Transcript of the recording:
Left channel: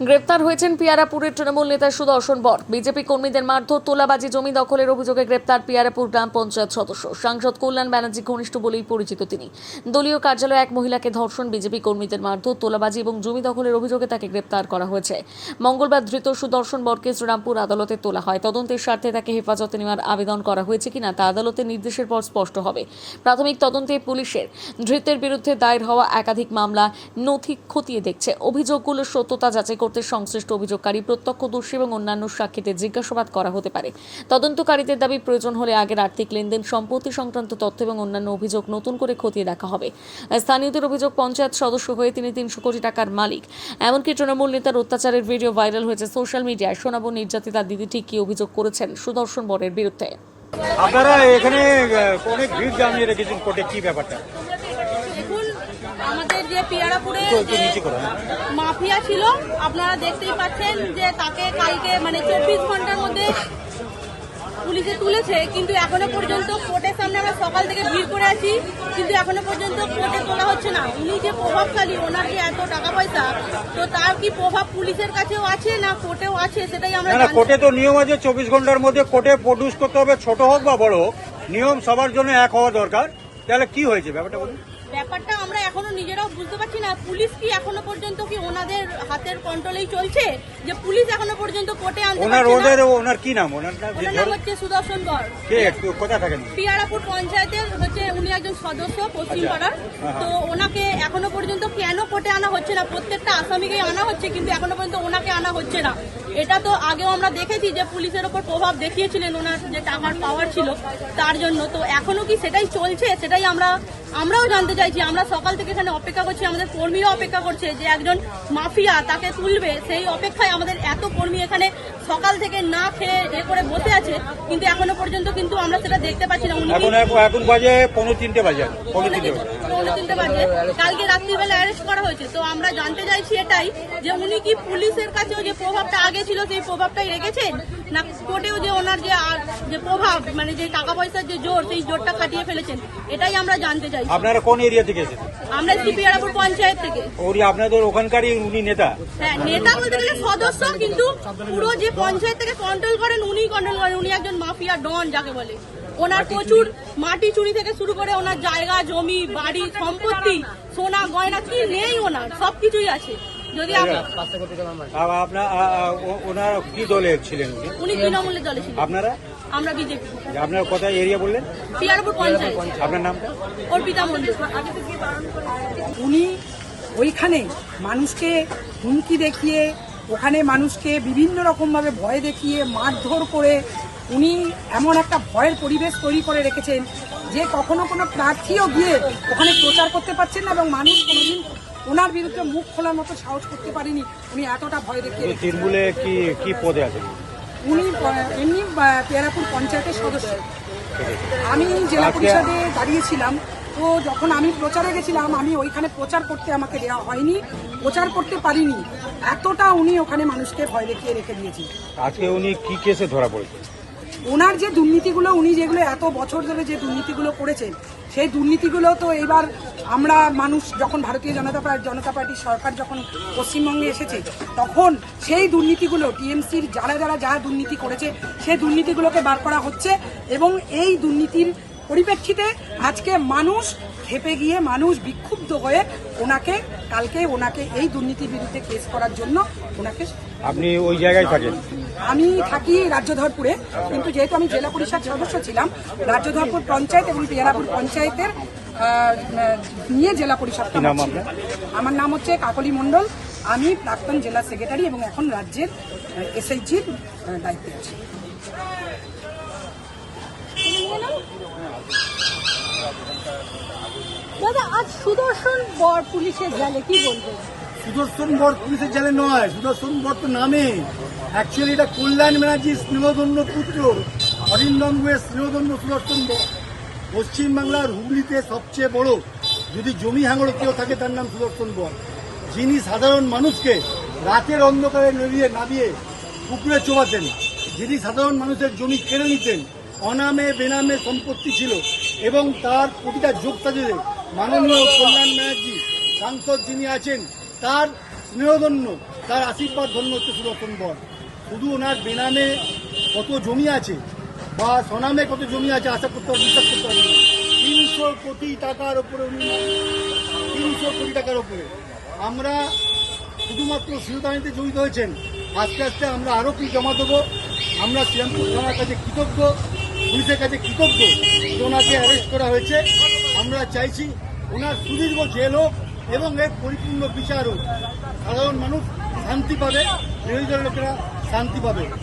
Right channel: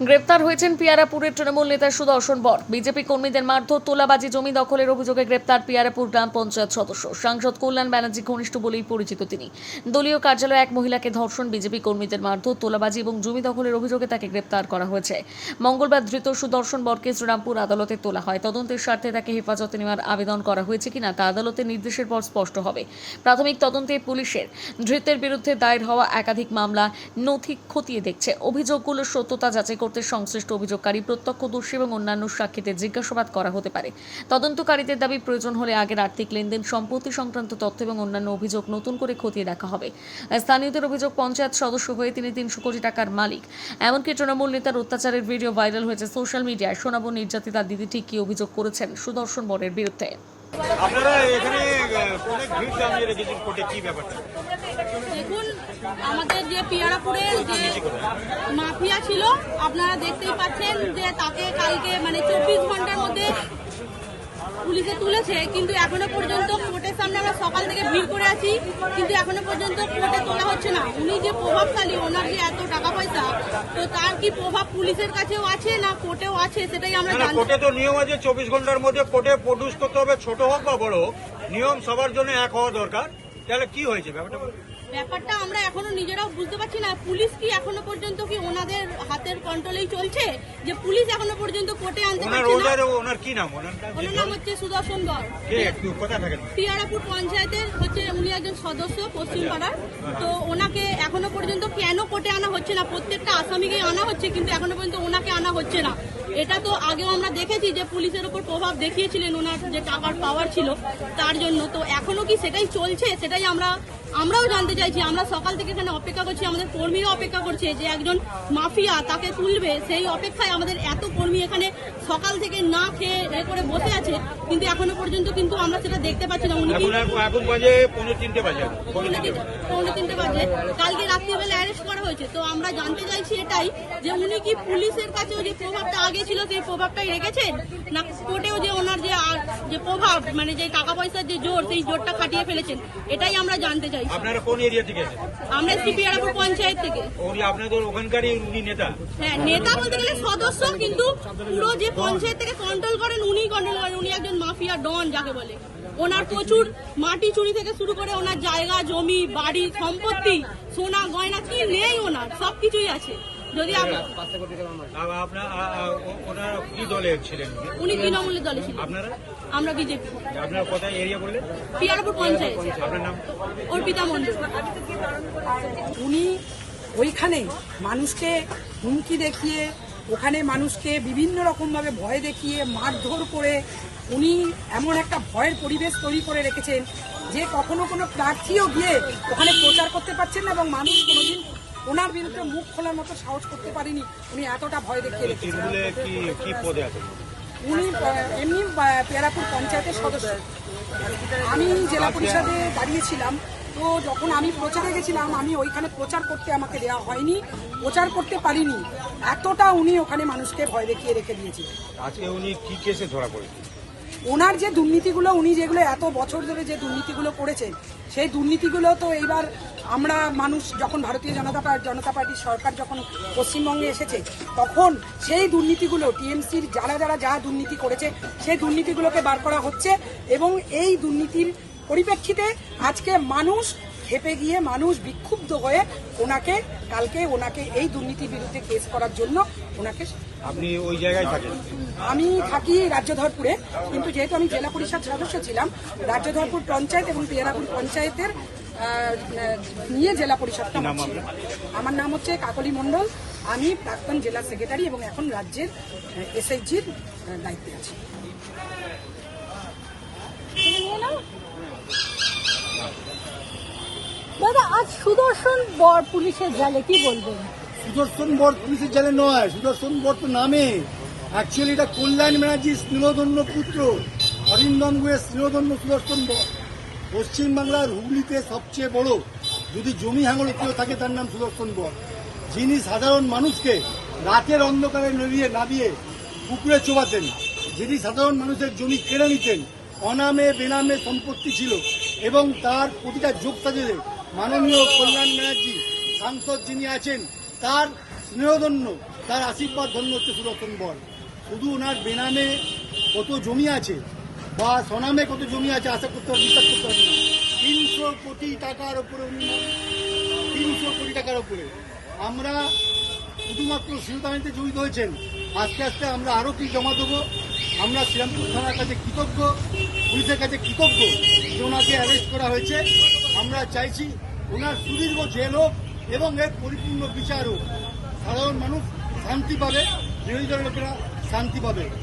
গ্রেপ্তার হয়েছেন পিয়ারাপুরের তৃণমূল নেতা সুদর্শন বর। বিজেপি কর্মীদের মারধর, তোলাবাজি, জমি দখলের অভিযোগে গ্রেপ্তার পিয়ারাপুর গ্রাম পঞ্চায়েত সদস্য। সাংসদ কল্যাণ ব্যানার্জি ঘনিষ্ঠ বলেই পরিচিত তিনি। দলীয় কার্যালয়ে এক মহিলাকে ধর্ষণ, বিজেপি কর্মীদের মারধর, তোলাবাজি এবং জমি দখলের অভিযোগে তাকে গ্রেপ্তার করা হয়েছে। মঙ্গলবার ধৃত সুদর্শন বরকে শ্রীরামপুর আদালতে তোলা হয়। তদন্তের স্বার্থে তাকে হেফাজতে নেওয়ার আবেদন করা হয়েছে কিনা তা আদালতের নির্দেশের পর স্পষ্ট হবে। প্রাথমিক তদন্তে পুলিশের ধৃতের বিরুদ্ধে দায়ের হওয়া একাধিক মামলা নথি খতিয়ে দেখছে। অভিযোগগুলোর সত্যতা যাচাই করতে সংশ্লিষ্ট অভিযোগকারী, প্রত্যক্ষদর্শী এবং অন্যান্য সাক্ষীদের জিজ্ঞাসাবাদ করা হতে পারে। তদন্তকারীদের দাবি, প্রয়োজন হলে আগের আর্থিক লেনদেন, সম্পত্তি সংক্রান্ত তথ্য এবং অন্যান্য অভিযোগ নতুন করে খতিয়ে দেখা হবে। স্থানীয়দের অভিযোগ, পঞ্চায়েত সদস্য হয়ে তিনি 300 কোটি টাকার মালিক। এমনকি তৃণমূল নেতার অত্যাচারের ভিডিও ভাইরাল হয়েছে সোশ্যাল মিডিয়ায়। শোনাবো নির্যাতিতা দিদি ঠিক কি অভিযোগ করেছেন সুদর্শন বরের বিরুদ্ধে। আপনারা এখানে অনেক ভিড় জানিয়ে রেখেছেন কোর্টে, কি ব্যাপারটা? দেখুন, আমাদের যে পিয়ারাপুরে যে মাফিয়া ছিল, আপনারা দেখতেই পাচ্ছেন যে তাকে কালকে 24 ঘন্টার মধ্যে পুলিশে তুলেছে, কিন্তু এখনো পর্যন্ত কোর্টের সামনে আমরা সকাল থেকে ভিড় করে আছি, কিন্তু এখনো পর্যন্ত কোর্টে তোলা হচ্ছে না। উনি যে প্রভাবশালী, ওনার যে এত টাকা পয়সা, তো তার কি প্রভাব পুলিশের কাছেও আছে না কোর্টেও আছে, সেটাই আমরা জানি। কোর্টে তো নিয়ম আছে 24 ঘন্টার মধ্যে কোর্টে প্রডিউস করতে হবে, ছোট হোক বা বড় হোক, নিয়ম সবার জন্য এক হওয়া দরকার। তাহলে কি হয়েছে ব্যাপারটা বলুন? ব্যাপারটা আমরা এখনো নিজেরাও বুঝতে পারছি না। পুলিশ কি এখনো পর্যন্ত কি ওনাদের হাতের কন্ট্রোলেই চলছে, যে পুলিশ এখনো পর্যন্ত কোর্টে আনতে পারছে না? ওনার কি নাম? ওনার নাম হচ্ছে সুদর্শন বর। কে, একটু কোথা থাকেন? পিয়ারাপুর পঞ্চায়েতের উনি একজন সদস্য, পশ্চিম পাড়ার। তো ওনাকে এখনো পর্যন্ত কেন কোর্টে আনা হচ্ছে না? প্রত্যেকটা আসামিকেই আনা হচ্ছে, কিন্তু এখনো পর্যন্ত ওনাকে আনা হচ্ছে না। এটা তো আগেও আমরা দেখেছি যে পুলিশের ওপর প্রভাব দেখিয়েছিলেন ওনার যে টাকার পাওয়ার ছিল তার জন্য। তো এখনো কি সেটাই চলছে? সেটাই আমরাও জানতে চাইছি। আমরা সকাল থেকে এখানে অপেক্ষা করছি, আমাদের কর্মীরা অপেক্ষা করছে যে একজন মাফিয়া তাকে তুলবে, সেই অপেক্ষায় আমাদের এত কর্মী এখানে সকাল থেকে না খেয়ে করে বসে আছে, কিন্তু এখনো পর্যন্ত কিন্তু আমরা সেটা দেখতে পাচ্ছি না। উনি এখন বাজে 3:45 বাজে। পৌনে 3টে বাজে কালকে রাত্রিবেলা অ্যারেস্ট করা হয়েছে। তো আমরা জানতে চাইছি এটাই, যে উনি কি পুলিশের কাছেও যে প্রভাবটা আগে ছিল সেই প্রভাবটাই রেখেছেন, না কোর্টেও যে ওনার যে প্রভাব, যে টাকা পয়সার যে জোর, সেই জোরটা খাটিয়ে ফেলেছেন, এটাই আমরা জানতে চাই। আপনারা কোন এরিয়া থেকে এসেছেন? আমরা পিয়ারাপুর পঞ্চায়েত থেকে। আপনাদের ওখানকারই উনি নেতা? হ্যাঁ, নেতা বলতে গেলে সদস্য, কিন্তু পুরো যে পঞ্চায়েত থেকে কন্ট্রোল করেন উনি কন্ট্রোল করেন। উনি একজন মাফিয়া ডন যাকে বলে। ওনার প্রচুর মাটি চুরি থেকে শুরু করে ওনার জায়গা জমি, বাড়ি, সম্পত্তি, সোনা গয়না কি নেই, ওনার সবকিছুই আছে। যদি ওনার কি দলে ছিলেন? উনি তৃণমূলের দলে ছিলেন। আপনারা? আমরা বিজেপি। আপনার কোথায় এরিয়া বললেন? পিয়ারাপুর পঞ্চায়েত। আপনার নাম? অর্পিতা মন্ডল। উনি ওইখানে মানুষকে হুমকি দেখিয়ে, ওখানে মানুষকে বিভিন্ন রকমভাবে ভয় দেখিয়ে, মারধর করে উনি এমন একটা ভয়ের পরিবেশ তৈরি করে রেখেছেন যে কখনো কোনো প্রার্থীও গিয়ে ওখানে প্রচার করতে পারছেন না, এবং মানুষ কোনোদিন ওনার বিরুদ্ধে মুখ খোলার মতো সাহস করতে পারেনি। উনি এতটা ভয় দেখিয়ে রেখেছেন। তৃণমূলে কি পদে আছেন? উনি এমনি পিয়ারাপুর পঞ্চায়েতের সদস্য। আমি জেলা পরিষদে দাঁড়িয়েছিলাম, তো যখন আমি প্রচারে গেছিলাম, আমি ওইখানে প্রচার করতে আমাকে দেওয়া হয়নি, প্রচার করতে পারিনি। এতটা উনি ওখানে মানুষকে ভয় দেখিয়ে রেখে দিয়েছে। আজকে উনি কি কেসে ধরা পড়েছে? ওনার যে দুর্নীতিগুলো, উনি যেগুলো এত বছর ধরে যে দুর্নীতিগুলো করেছেন, সেই দুর্নীতিগুলো তো এইবার আমরা মানুষ যখন ভারতীয় জনতা পার্টির সরকার যখন পশ্চিমবঙ্গে এসেছে, তখন সেই দুর্নীতিগুলো টিএমসির যা দুর্নীতি করেছে সেই দুর্নীতিগুলোকে বার করা হচ্ছে। এবং এই দুর্নীতির পরিপ্রেক্ষিতে আজকে মানুষ খেপে গিয়ে, মানুষ বিক্ষুব্ধ হয়ে কালকে ওনাকে এই দুর্নীতির বিরুদ্ধে কেস করার জন্য ওনাকে। আপনি ওই জায়গায় থাকেন? আমি থাকি রাজ্যধরপুরে, কিন্তু যেহেতু আমি জেলা পরিষদ সদস্য ছিলাম, রাজ্যধরপুর পঞ্চায়েত এবং পিয়ারাপুর পঞ্চায়েতের নিয়ে জেলা পরিষদটা আমার নাম হচ্ছে কাকলি মণ্ডল। আমি প্রাক্তন জেলা সেক্রেটারি এবং এখন রাজ্যের এসএইচজির দায়িত্বে আছি। আজ সুদর্শন বর পুলিশের জালে, কি বলবেন? সুদর্শন বর পুলিশের জালে নয়, সুদর্শন বর তো নামে। অ্যাকচুয়ালি এটা কল্যাণ ব্যানার্জির স্নেহধন্য পুত্র, অরিন্দম গুহের স্নেহধন্য সুদর্শন বর। পশ্চিমবাংলার হুগলিতে সবচেয়ে বড় যদি জমি হাঙড় কেউ থাকে তার নাম সুদর্শন বর, যিনি সাধারণ মানুষকে রাতের অন্ধকারে না দিয়ে পুকুরে চোবাতেন, যিনি সাধারণ মানুষের জমি কেড়ে নিতেন, অনামে বেনামে সম্পত্তি ছিল, এবং তার প্রতিটা যোগ সাজে মাননীয় কল্যাণ ব্যানার্জি সাংসদ যিনি আছেন তার স্নেহধন্য, তার আশীর্বাদ ধন্য হচ্ছে সুদর্শন বর। শুধু ওনার বেনামে কত জমি আছে বা স্বনামে কত জমি আছে আশা করতে পারবেন, বিশ্বাস করতে পারবেন না। 300 কোটি টাকার ওপরে উনি, 300 কোটি টাকার ওপরে। আমরা শুধুমাত্র শিরোধানিতে জড়িত হয়েছেন, আস্তে আস্তে আমরা আরও কি জমা দেবো। আমরা শ্রীরামপুর থানার কাছে কৃতজ্ঞ, পুলিশের কাছে কৃতজ্ঞ যে ওনাকে অ্যারেস্ট করা হয়েছে। আমরা চাইছি ওনার সুদীর্ঘ জেল হোক এবং এর পরিপূর্ণ বিচার হোক। সাধারণ মানুষ শান্তি পাবে, বিরোধী দলের লোকেরা শান্তি পাবে।